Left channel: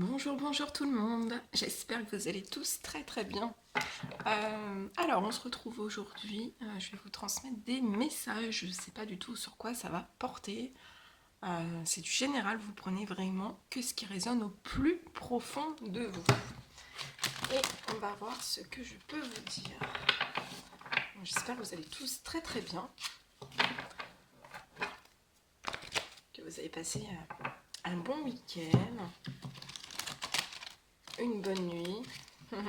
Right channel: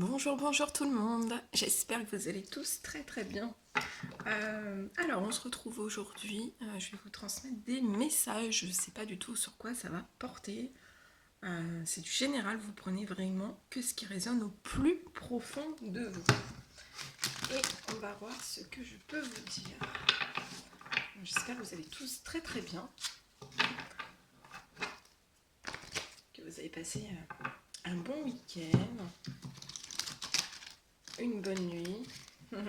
Bonjour, bonjour tout le monde. J'espère que vous allez tous très très bien. Alors, on se retrouve aujourd'hui. Je vais vous transmettre des messages. Je ne sais pas du tout sur quoi ça va porter. C'est du général. Vous prenez vraiment que ce qui résonne au plus profond de vous. Et on va voir ce que je peux vous dire. J'espère que vous allez tous très très bien. Que vous avez passé un bon week-end. Une bonne nuit. Et on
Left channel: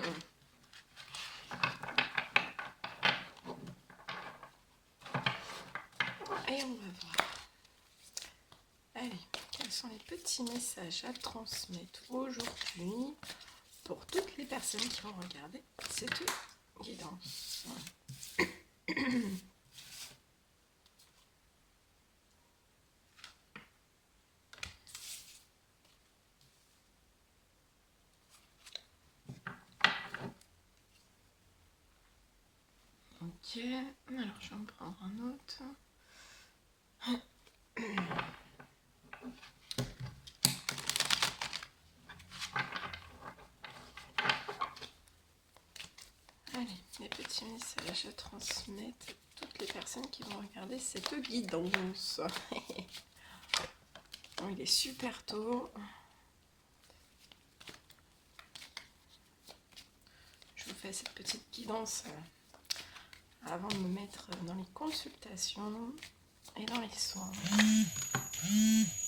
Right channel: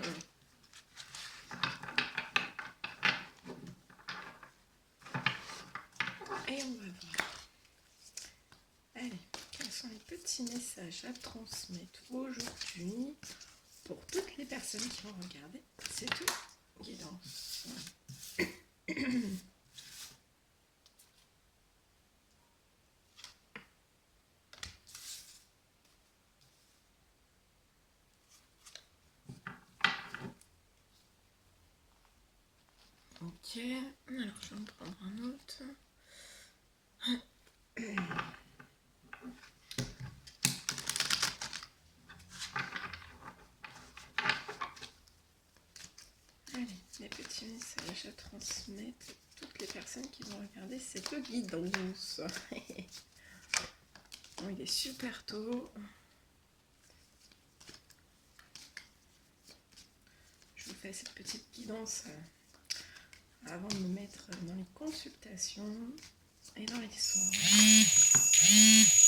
va voir. Allez, quels sont les petits messages à transmettre aujourd'hui pour toutes les personnes qui vont regarder cette guidance? Ok, alors je vais en prendre un autre. Allez, les petits messages à transmettre à toutes les personnes qui vont regarder cette guidance. Bon, il est super tôt. Je vous fais cette petite guidance avant de me mettre dans les consultations et dans les soins.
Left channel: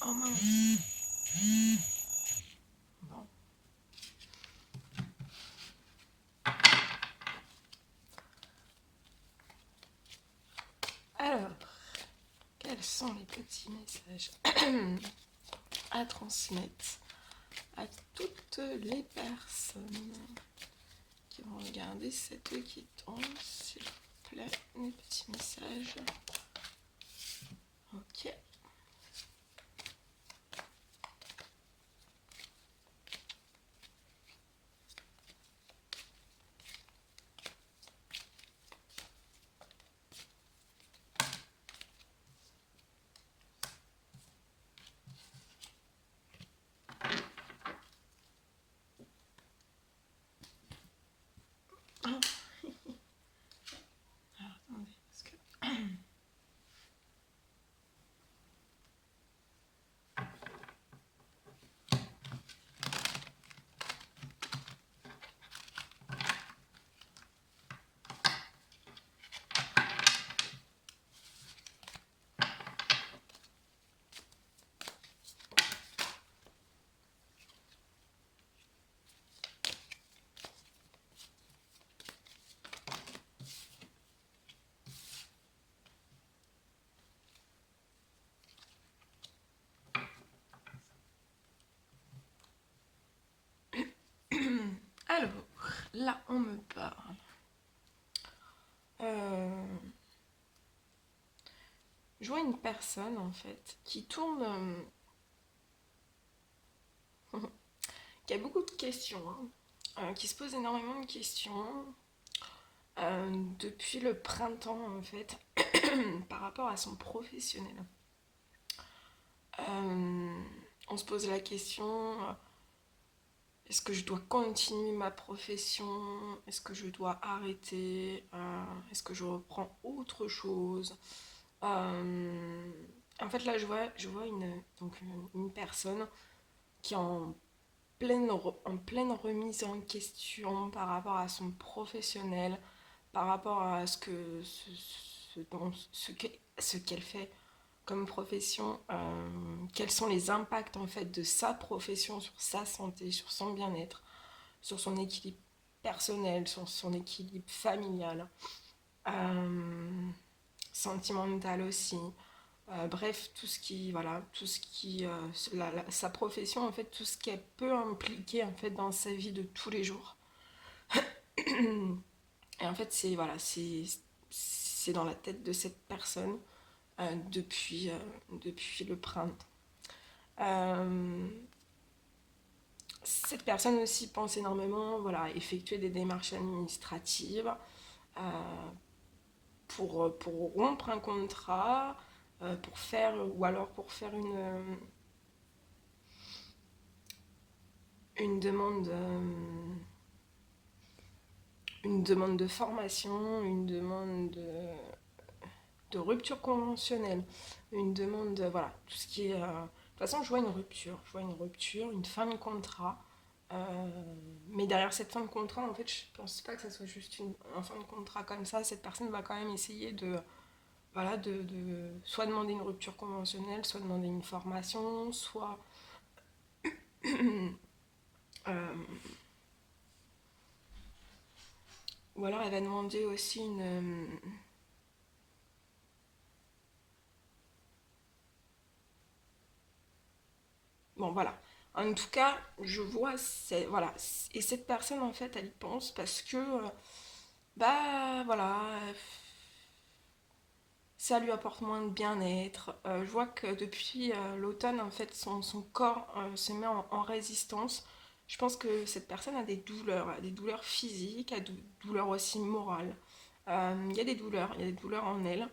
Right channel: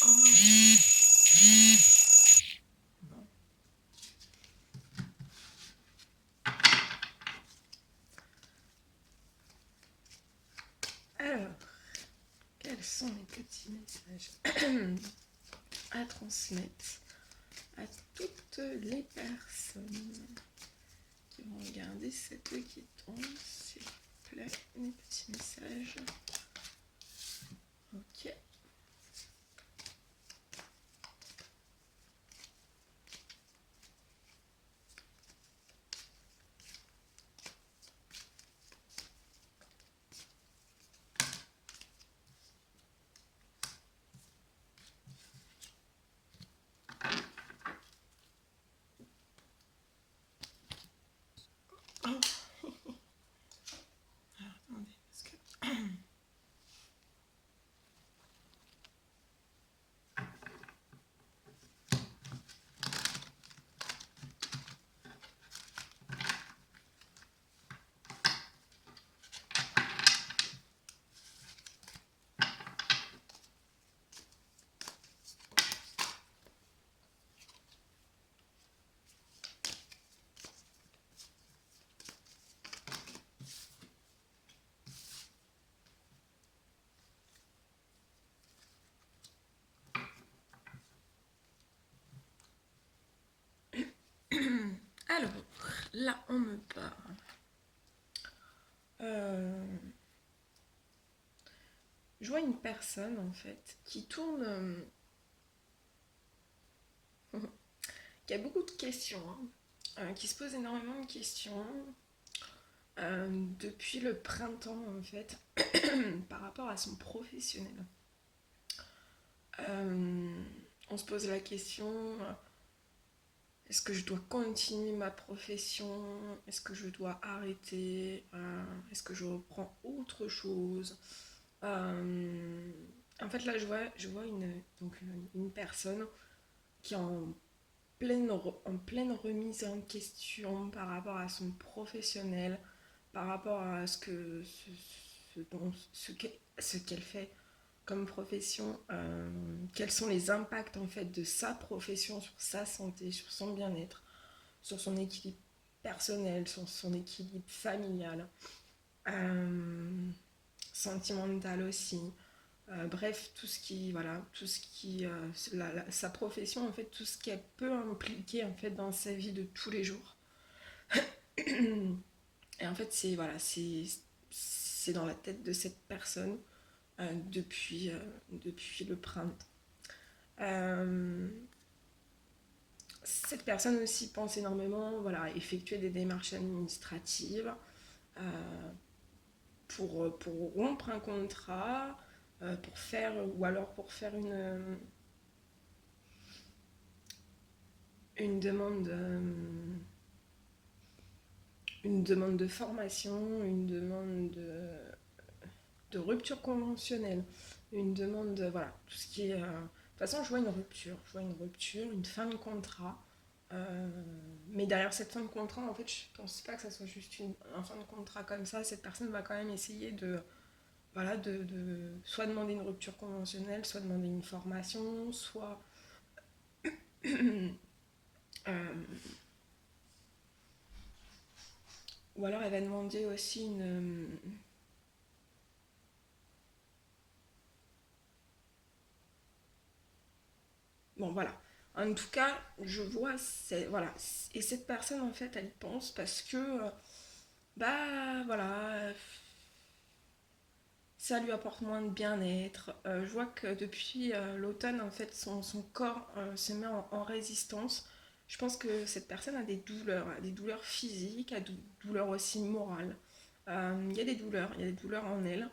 Oh mince. Bon. Alors, quels sont les petits messages à transmettre à toutes les personnes qui vont regarder cette guidance, s'il vous plaît, les petits messages. Ok. Oh. Alors, attendez, parce que... Alors, là, on me parle. Je vois une personne, en fait, qui tourne... qui a beaucoup de questions, hein, qui se pose énormément de questions depuis le printemps, en fait, par rapport à son professionnel. On se pose la question... Est-ce que je dois continuer ma profession? Est-ce que je dois arrêter? Est-ce que je reprends autre chose? En fait, là, je vois une personne qui est en pleine remise en question par rapport à son professionnel, par rapport à ce qu'elle fait comme profession, quels sont les impacts en fait de sa profession sur sa santé, sur son bien-être, sur son équilibre personnel, sur son équilibre familial, sentimental aussi. Bref, tout ce qui, sa profession en fait, tout ce qu'elle peut impliquer en fait dans sa vie de tous les jours. Et en fait, c'est dans la tête de cette personne depuis le printemps. Cette personne aussi pense énormément, voilà, à effectuer des démarches administratives euh, pour rompre un contrat, ou alors pour faire une demande, une demande de formation, une demande de rupture conventionnelle, une demande, voilà, tout ce qui est... De toute façon, je vois une rupture, une fin de contrat. Mais derrière cette fin de contrat, en fait, je pense pas que ça soit juste un fin de contrat comme ça. Cette personne va quand même essayer de, voilà, soit demander une rupture conventionnelle, soit demander une formation, soit euh, ou alors elle va demander aussi une... Bon, voilà. En tout cas, je vois, voilà. Et cette personne, en fait, elle y pense parce que, bah, voilà, ça lui apporte moins de bien-être. Je vois que depuis l'automne, en fait, son corps se met en résistance. Je pense que cette personne a des douleurs physiques, a des douleurs aussi morales. Il y a des douleurs en elle.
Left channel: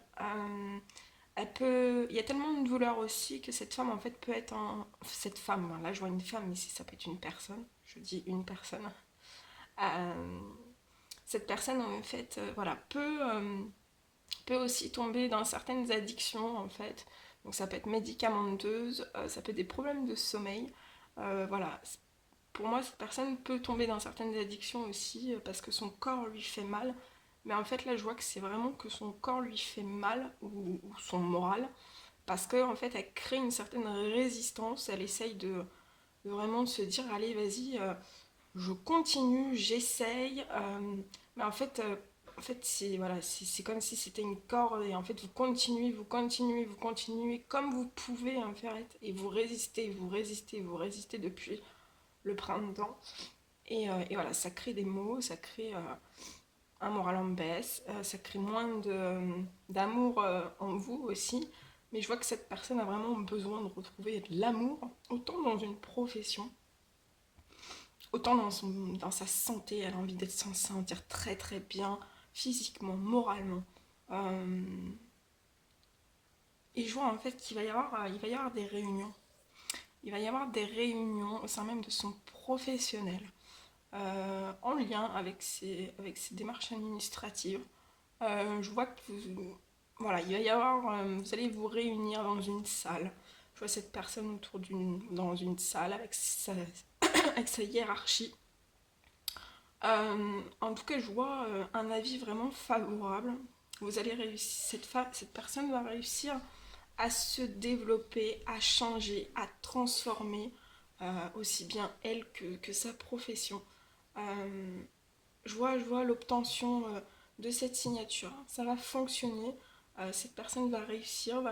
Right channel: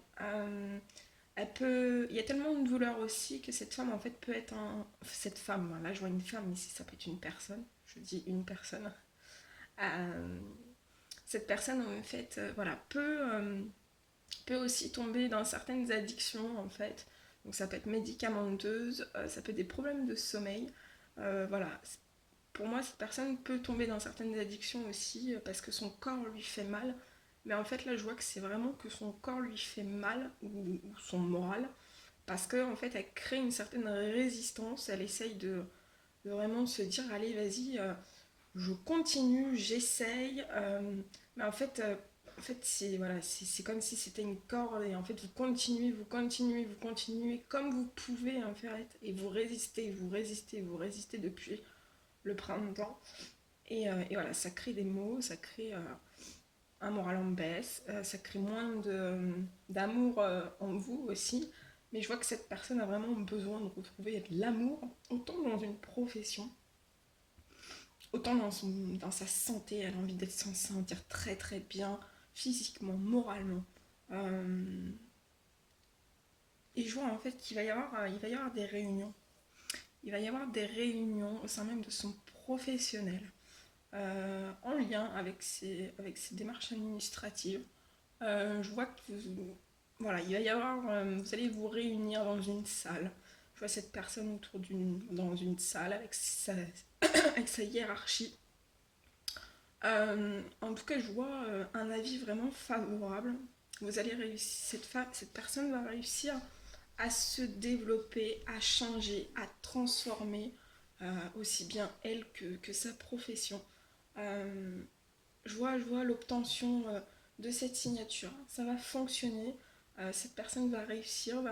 Il y a tellement de douleurs aussi que cette femme, en fait, peut être cette femme, là, je vois une femme, ici, ça peut être une personne. Je dis une personne. Euh, Cette personne, en fait, voilà, peut aussi tomber dans certaines addictions en fait. Donc ça peut être médicamenteuse, ça peut être des problèmes de sommeil. Voilà. Pour moi, cette personne peut tomber dans certaines addictions aussi parce que son corps lui fait mal. Mais en fait, là, je vois que c'est vraiment que son corps lui fait mal ou son moral parce qu'en en fait, elle crée une certaine résistance. Elle essaye de vraiment se dire allez, vas-y, je continue, j'essaye, mais en fait c'est voilà, c'est comme si c'était une corde et en fait vous continuez, vous continuez, vous continuez comme vous pouvez en fait et vous résistez, vous résistez, vous résistez depuis le printemps et voilà, ça crée des maux, ça crée un moral en baisse, ça crée moins d'amour en vous aussi. Mais je vois que cette personne a vraiment besoin de retrouver de l'amour, autant dans une profession autant dans sa santé, elle a envie d'être s'en sentir très très bien, physiquement, moralement. Euh, et je vois en fait il va y avoir des réunions. Il va y avoir des réunions au sein même de son professionnel, en lien avec ses démarches administratives. Je vois que voilà, il va y avoir, vous allez vous réunir dans une salle. Je vois cette personne dans une salle avec sa hiérarchie. En tout cas, je vois un avis vraiment favorable. Vous allez réussir, cette personne va réussir à se développer, à changer, à transformer aussi bien elle que sa profession. Euh, je vois l'obtention de cette signature. Ça va fonctionner. Cette personne va réussir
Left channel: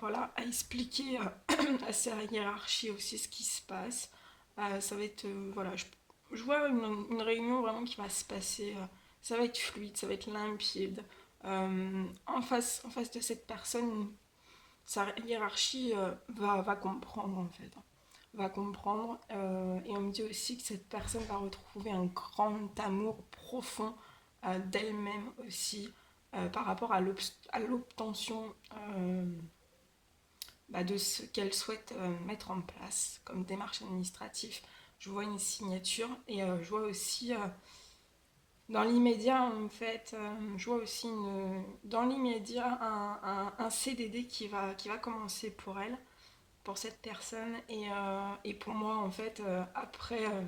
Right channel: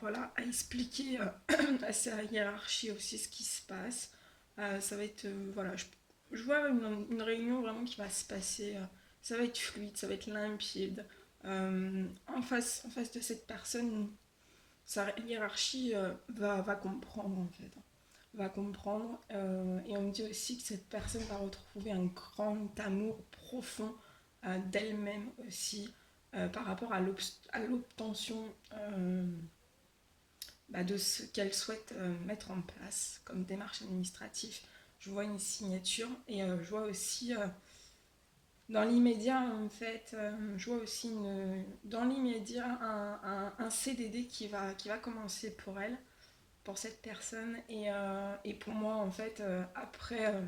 voilà, à expliquer à sa hiérarchie aussi ce qui se passe. Ça va être, voilà, je vois réunion vraiment qui va se passer. Ça va être fluide, ça va être limpide. En face de cette personne, sa hiérarchie va comprendre en fait. Va comprendre. Et on me dit aussi que cette personne va retrouver un grand amour profond d'elle-même aussi par rapport à l'obtention de ce qu'elle souhaite mettre en place comme démarche administrative. Je vois une signature et je vois aussi dans l'immédiat en fait, je vois aussi dans l'immédiat un CDD qui va commencer pour elle, pour cette personne et pour moi en fait après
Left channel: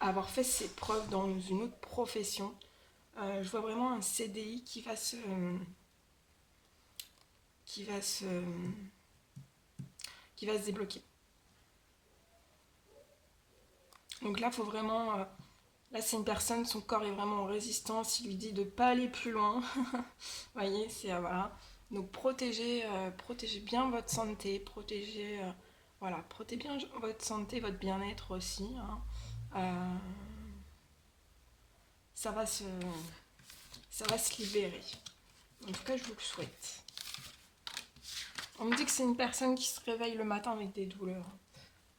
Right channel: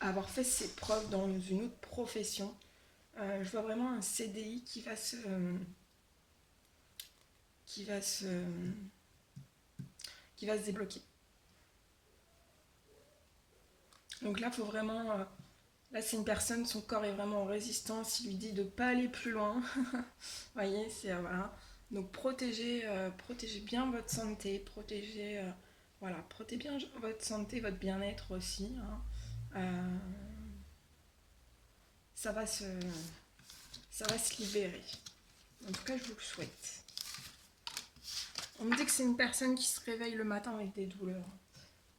avoir fait ses preuves dans une autre profession, je vois vraiment un CDI qui va se qui va se débloquer. Donc là, faut vraiment. Là, c'est une personne, son corps est vraiment en résistance. Il lui dit de ne pas aller plus loin. Vous voyez, c'est. Voilà. Donc protégez bien votre santé. Voilà, protégez bien votre santé, votre bien-être aussi. Hein. Euh, ça, va se, ça va se libérer. En tout cas, je vous le souhaite. On me dit que c'est une personne qui se réveille le matin avec des douleurs.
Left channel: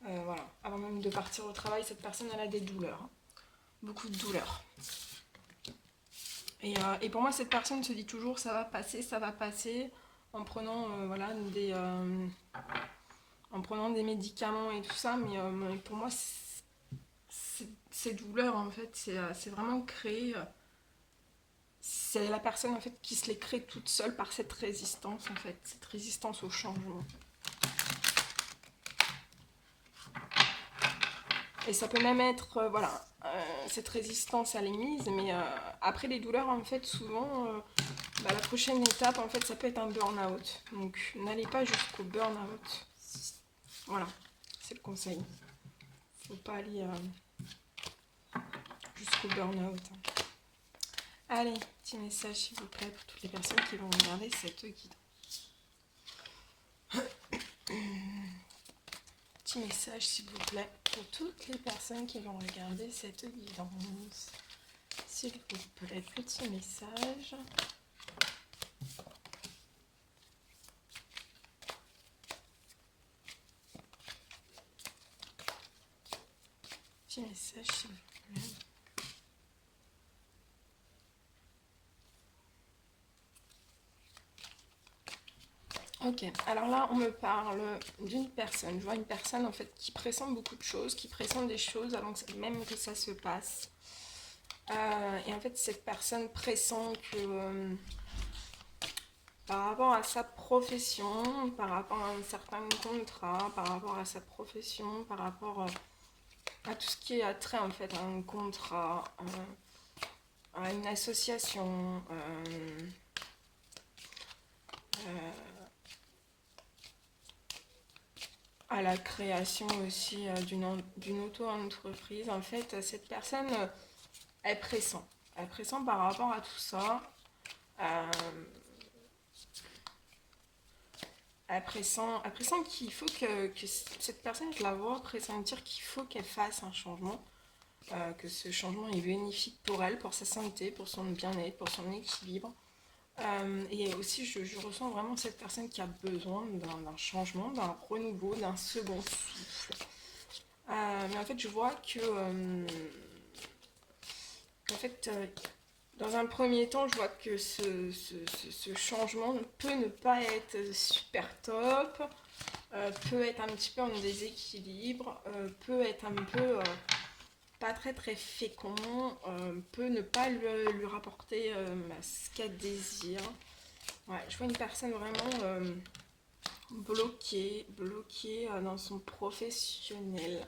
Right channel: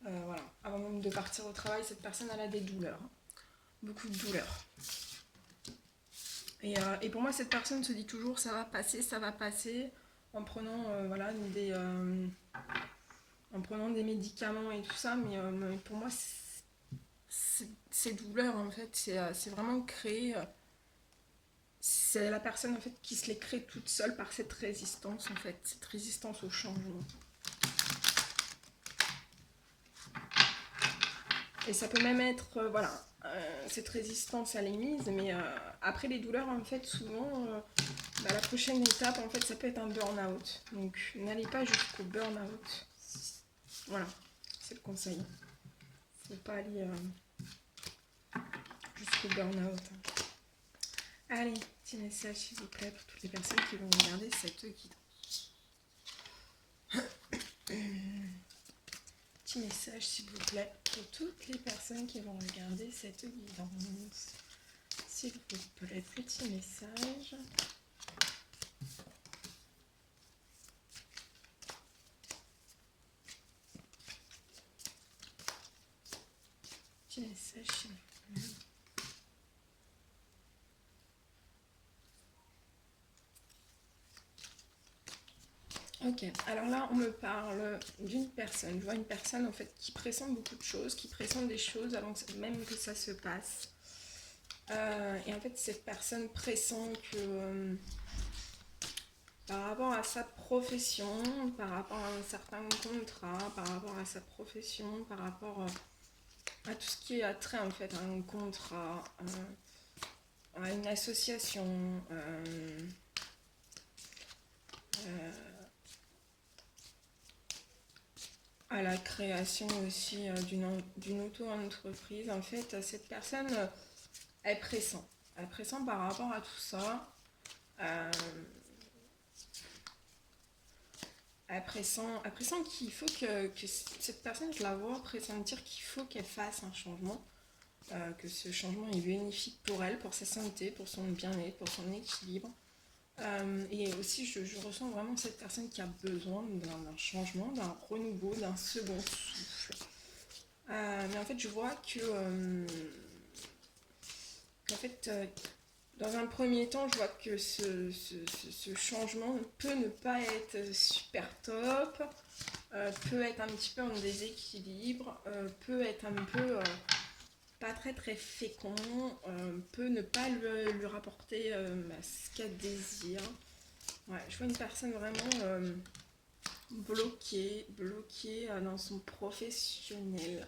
Voilà. Avant même de partir au travail, cette personne elle a des douleurs. Beaucoup de douleurs. Et pour moi, cette personne se dit toujours ça va passer, en prenant voilà prenant des médicaments et tout ça, mais pour moi, ces douleurs, en fait, c'est vraiment créé. C'est la personne, en fait, qui se les crée toute seule par cette résistance, en fait, cette résistance au changement. Et ça peut même être, voilà, cette résistance à l'ennemi, mais après les douleurs, en fait, souvent, la prochaine étape, en fait, ça peut être un burn-out. Donc, n'allez pas jusqu'au burn-out. Voilà, c'est le conseil. Faut pas aller jusqu'au burn-out. Allez, petit message, s'il vous plaît, pour toutes les personnes qui vont regarder cette guidance. Petit message, s'il vous plaît, pour toutes les personnes qui vont regarder cette guidance. S'il vous plaît, petit message. Petit message, s'il vous plaît. Ok, alors là on me parle d'une personne. Je vois une personne en fait qui pressent beaucoup de choses, qui pressent des choses avant même que ça se passe. Et en fait cette personne pressent que par rapport à sa profession, par rapport à un certain contrat, par rapport à sa profession, par rapport à tout ce qui est attrait en fait à un contrat, à une association, à la création aussi d'une auto-entreprise. En fait, cette personne, elle pressent. Elle pressent par rapport à tout ça. Elle pressent qu'il faut que cette personne, je la vois pressentir qu'il faut qu'elle fasse un changement. Que ce changement est bénéfique pour elle, pour sa santé, pour son bien-être, pour son équilibre. Et aussi, je ressens vraiment cette personne qui a besoin d'un changement, d'un renouveau, d'un second souffle. Mais en fait, je vois que, en fait, dans un premier temps, je vois que ce changement peut ne pas être super top, peut être un petit peu en déséquilibre, peut être un peu pas très très fécond, peut ne pas lui rapporter ce qu'elle désire. Ouais, je vois une personne vraiment bloquée dans son professionnel.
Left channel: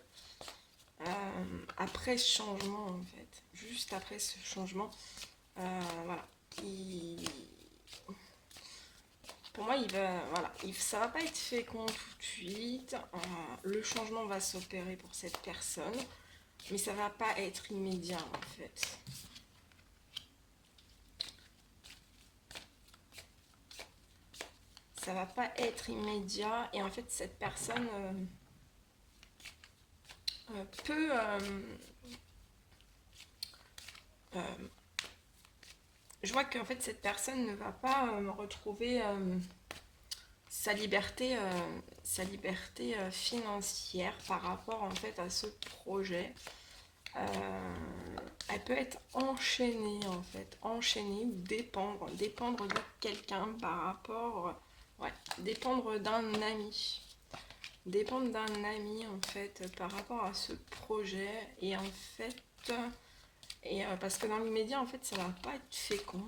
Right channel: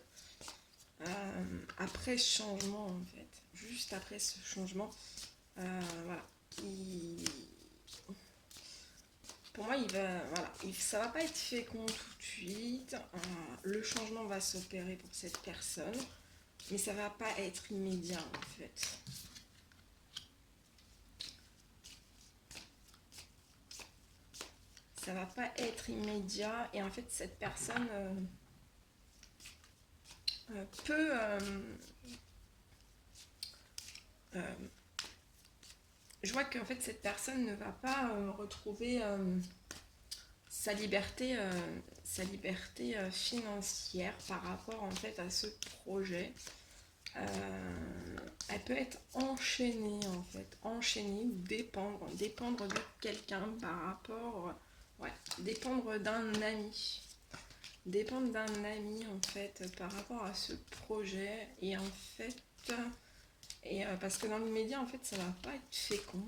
Après ce changement en fait, juste après ce changement, voilà. Pour moi, ça va pas être fécond tout de suite. Le changement va s'opérer pour cette personne, mais ça va pas être immédiat en fait. Ça va pas être immédiat et en fait cette personne peut je vois qu'en fait cette personne ne va pas retrouver sa liberté financière par rapport en fait à ce projet. Elle peut être enchaînée en fait, dépendre de quelqu'un par rapport, dépendre d'un ami. Dépendre d'un ami en fait par rapport à ce projet et en fait parce que dans l'immédiat en fait ça va pas être fécond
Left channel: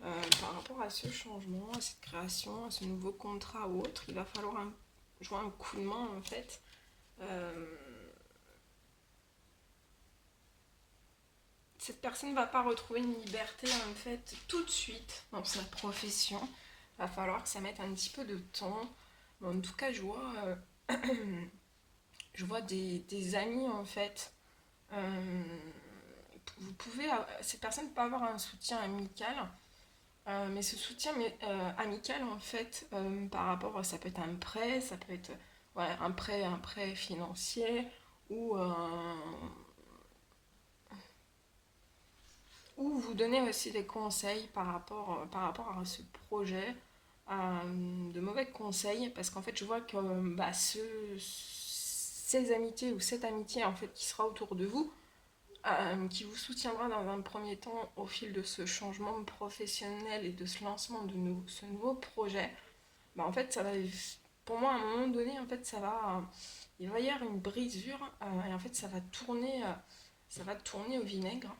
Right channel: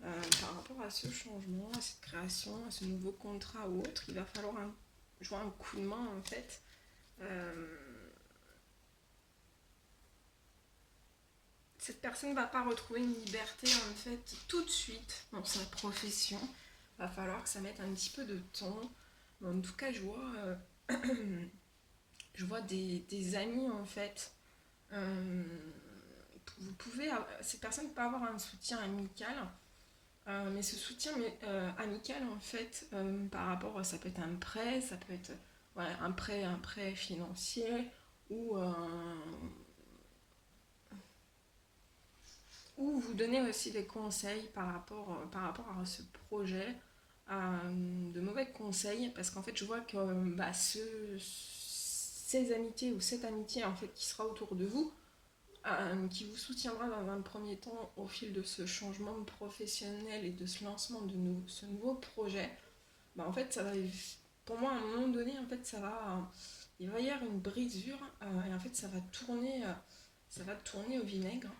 par rapport à ce changement, à cette création, à ce nouveau contrat ou autre, il va falloir jouer un coup de main en fait. Cette personne ne va pas retrouver une liberté en fait tout de suite dans sa profession. Il va falloir que ça mette un petit peu de temps. Mais en tout cas, je vois des amis en fait. Cette personne peut avoir un soutien amical, mais ce soutien amical en fait, par rapport, ça peut être un prêt, ça peut être un prêt financier ou vous donner aussi des conseils par rapport à ce projet, de mauvais conseils, parce qu'en fait je vois que ces amitiés ou cette amitié en fait qui sera autour de vous, qui vous soutiendra dans un premier temps au fil de ce changement professionnel et de ce lancement de ce nouveau projet, en fait pour moi, à un moment donné, en fait, il va y avoir une brisure et en fait, ça va tourner au vinaigre.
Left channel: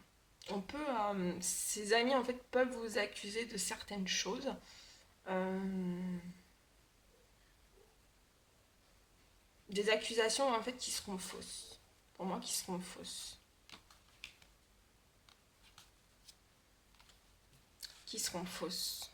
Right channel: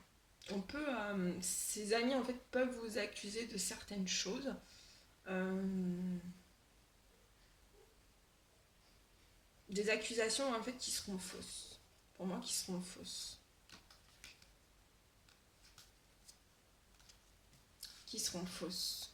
Ses amis, en fait, peuvent vous accuser de certaines choses. Euh, des accusations, en fait, qui seront fausses. Pour moi, qui seront fausses. Qui seront fausses.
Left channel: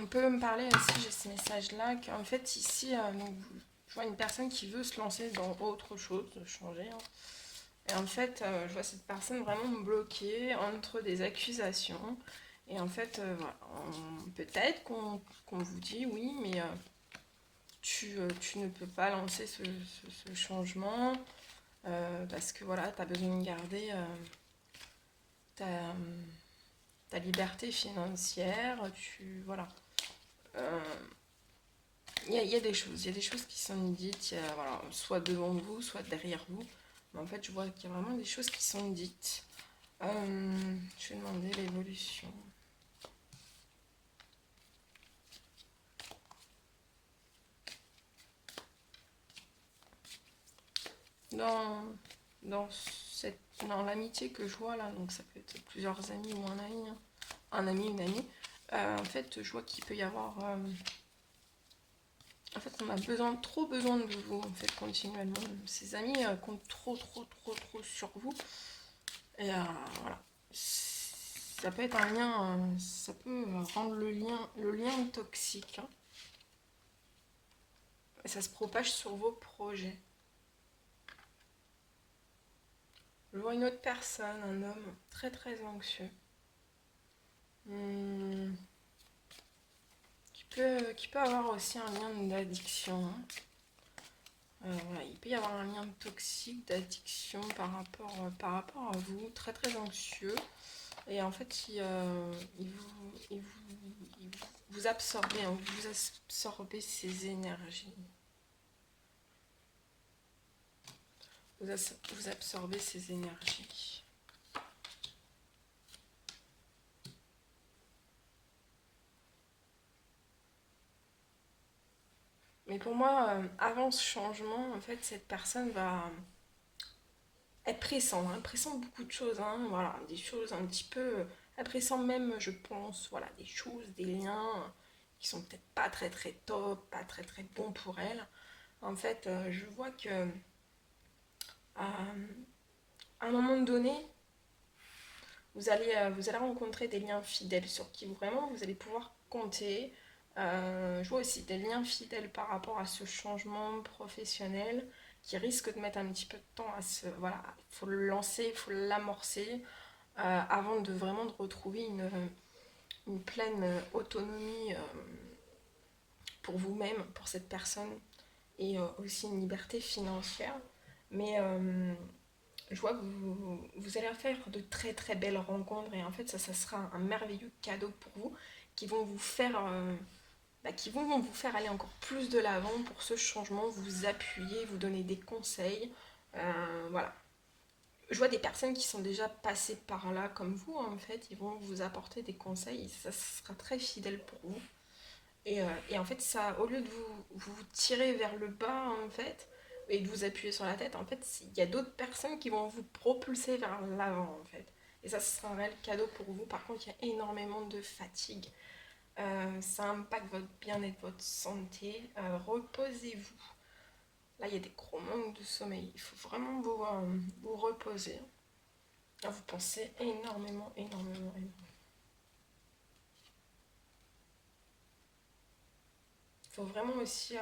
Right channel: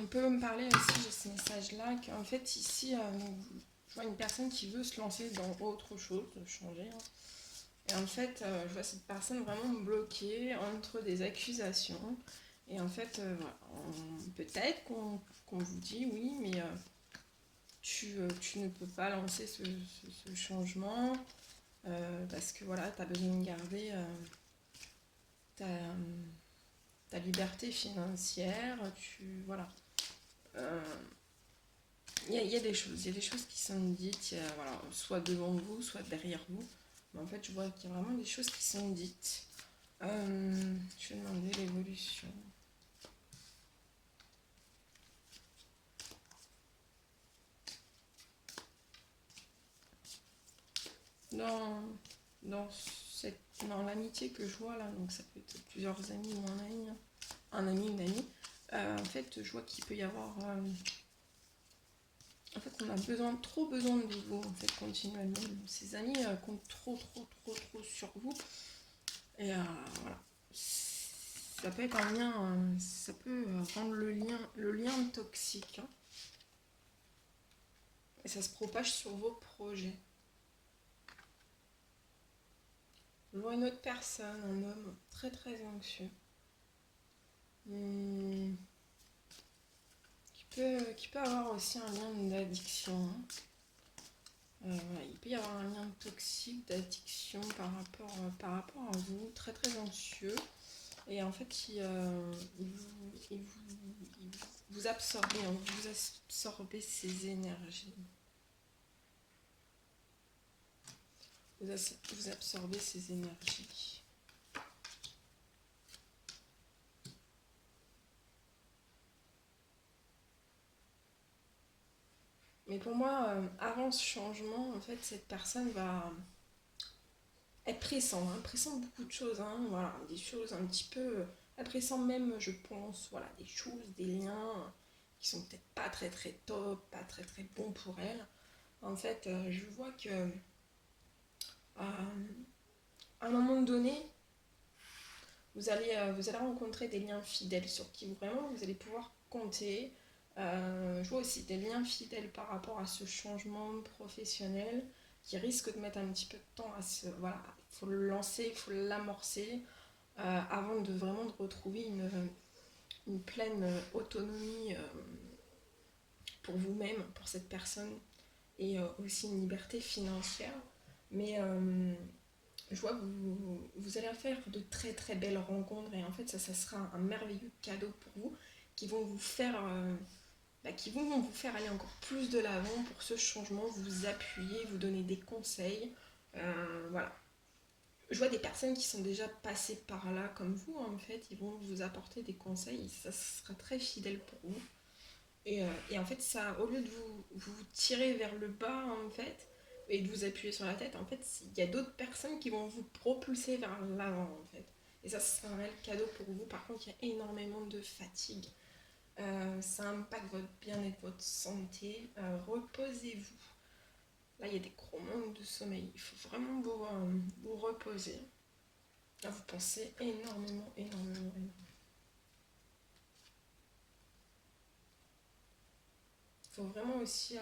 On peut me parler aussi, j'ai ce message-là, qu'en fait, ici, donc, je vois une personne qui veut se lancer dans autre chose, changer. Hein. Et en fait, je vois cette personne vraiment bloquée entre des accusations. Et en fait, voilà, peut-être qu'on vous dit oui, mais tu ne peux pas lancer ce changement parce que voilà, tu as besoin de garder ta, ta liberté financière. Voilà. Il y a des choses, il y a des choses qui sont dites, voilà, soit devant vous, soit derrière vous. Mais en fait, je vois qu'il y a vraiment des choses qui sont dites. Je vais demander l'évolution. Dans l'amitié que je vois là, donc ça peut être plusieurs amis ou un ami, hein, un ami, une amie, en fait, je vois qu'il peut y avoir. En fait, on a trop besoin de vous, en fait, continuellement. Ces amis comptent trop sur vous. Et voilà. Ça peut être un lien, ça peut rendre le lien toxique. Hein. Et ça se propage sur vos projets. Je vois une autre personne, un homme très anxieux. Qui peut avoir aussi un lien d'addiction. Hein. Voilà, il peut y avoir un lien toxique d'addiction par rapport à vous, très anxieux. Et en fait, vous absorbez, hein, vous absorbez ses énergies. Vous absorbez ses énergies. Mais pour moi, avant ce changement, en fait, cette personne va être pressante. Elle pressent beaucoup de choses. Hein, voilà, des choses un petit peu. Elle pressent même, je pense, voilà, des choses, des liens qui sont peut-être pas très top, pas très bons pour elle. En fait, je vois que à un moment donné, vous allez rencontrer des liens fidèles sur qui vraiment vous allez pouvoir compter. Je vois aussi des liens fidèles par rapport à ce changement professionnel qui risque de mettre un petit peu de temps à se. Voilà, il faut le lancer, il faut l'amorcer avant de vraiment de retrouver une pleine autonomie pour vous-même, pour cette personne et aussi une liberté financière. Mais je vois que vous allez faire de très belles rencontres et en fait ça sera un merveilleux cadeau pour vous qui vont vous faire qui vont vous faire aller encore plus de l'avant pour ce changement, vous appuyer, vous donner des conseils. Voilà. Je vois des personnes qui sont déjà passées par là comme vous en fait, ils vont vous apporter des conseils et ça sera très fidèle pour vous. Et en fait, ça, au lieu de vous tirer vers le bas, en fait, et de vous appuyer sur la tête, en fait, il y a d'autres personnes qui vont vous propulser vers l'avant, en fait. Et ça, ce sera un réel cadeau pour vous. Par contre, il y a énormément de fatigue. Ça impacte votre bien-être, votre santé. Reposez-vous. Là, il y a des gros manques de sommeil. Il faut vraiment vous reposer. Là, vous pensez énormément. Il faut vraiment aussi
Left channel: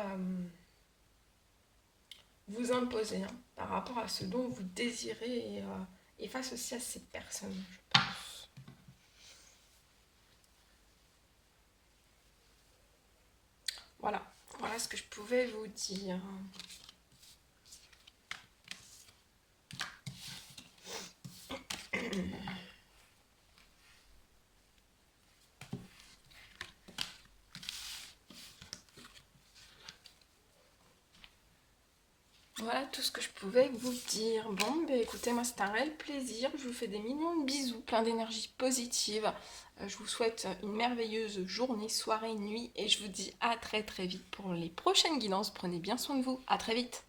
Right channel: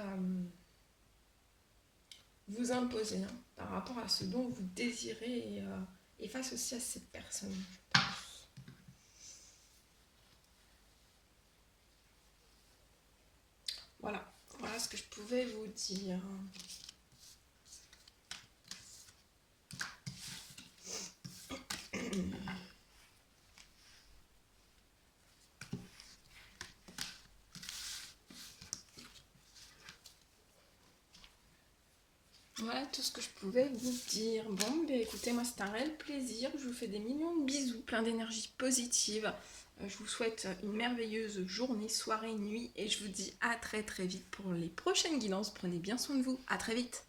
vous imposer hein, par rapport à ce dont vous désirez et face aussi à ces personnes, je pense. Voilà ce que je pouvais vous dire. Voilà tout ce que je pouvais vous dire. Bon, ben écoutez, moi c'est un réel plaisir. Je vous fais des millions de bisous, plein d'énergie positive. Je vous souhaite une merveilleuse journée, soirée, nuit et je vous dis à très très vite pour les prochaines guidances. Prenez bien soin de vous. À très vite.